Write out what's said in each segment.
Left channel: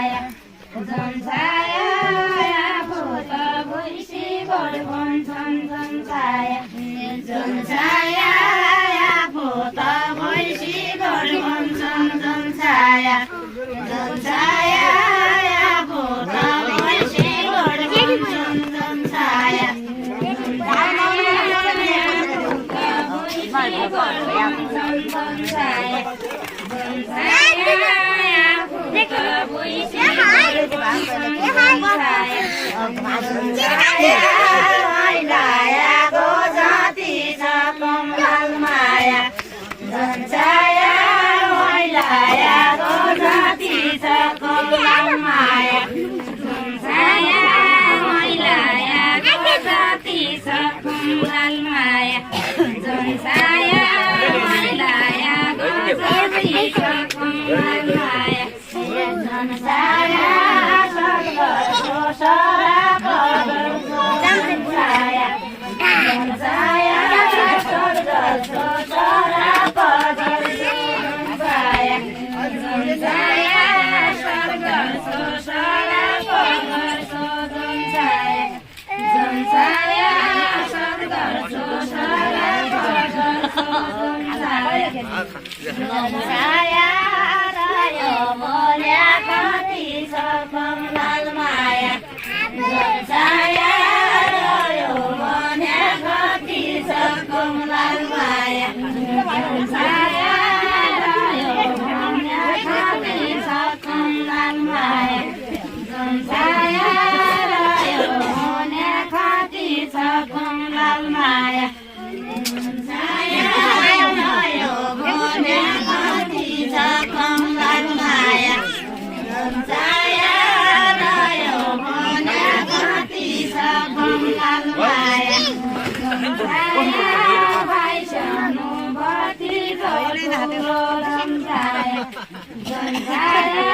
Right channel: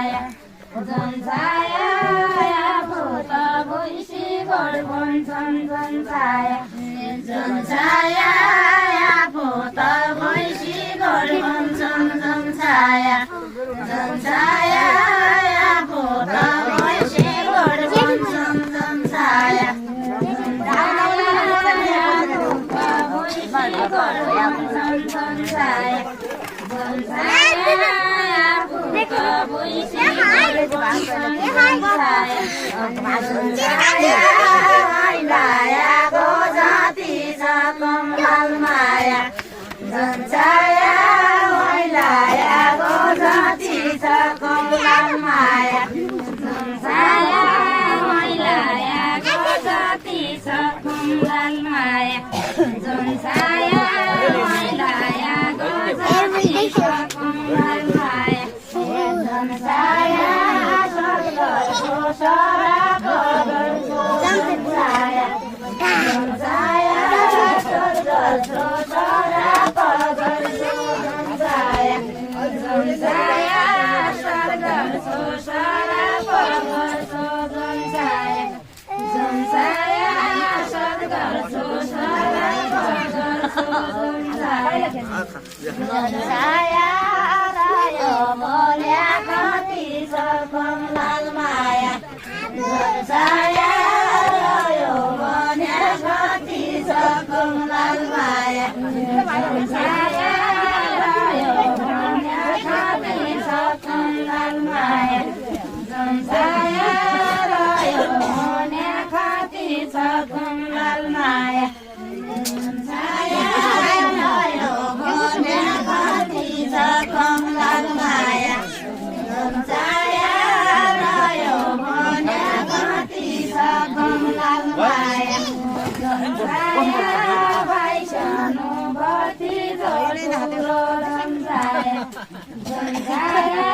छाया झन् छाया आफू त भुइँसी गोडबन झन् छाया झन् छाया आफू त भुइँसी गोडबन झन् छाया झन् छाया आफू त भुइँसी गोडबन झन् छाया लायाको जति छ कमल माया झन् छाया लायाको जति छ कमल माया झन् छाया लायाको जति छ कमल माया झन् छाया लायाको जति छ कमल माया झन् छाया स्वर्गको सराको झन् छाया झन् छाया स्वर्गको सराको झन् छाया झन् छाया स्वर्गको सराको झन् छाया झन् छाया स्वर्गको सराको झन् छाया रायो मोल्या कति छ कमल माया झन् छाया रायो मोल्या कति छ कमल माया झन् छाया रायो मोल्या कति छ कमल माया झन् छाया रायो मोल्या कति छ कमल माया झन् छाया रायो मोल्या कति छ कमल माया झन् छाया रायो मोल्या कति छ कमल माया झन् छाया भाइ सानो बत्ती ठुलो झन् छाया झन् छाया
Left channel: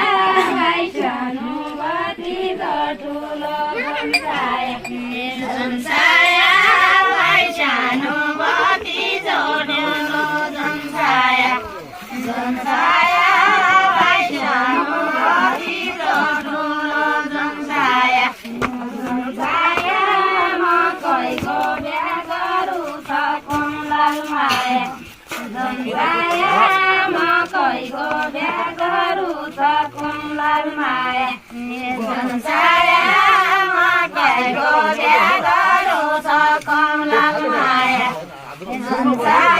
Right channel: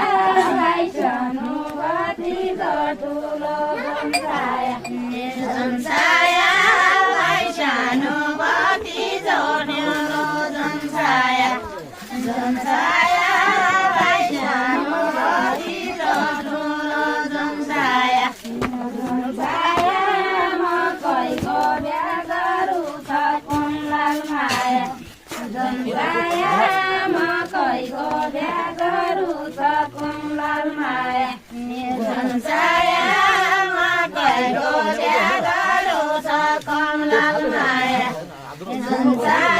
भाइ सानो बत्ती ठुलो झन् छाया झन् छाया भाइ सानो बत्ती ठुलो झन् छाया झन् छाया भाइ सानो बत्ती ठुलो झन् छाया झन् छाया मकैको बिहा गरौँ छ कमल माया झन् छाया मकैको बिहा गरौँ छ कमल माया झन् छाया मकैको बिहा गरौँ छ कमल माया झन् छाया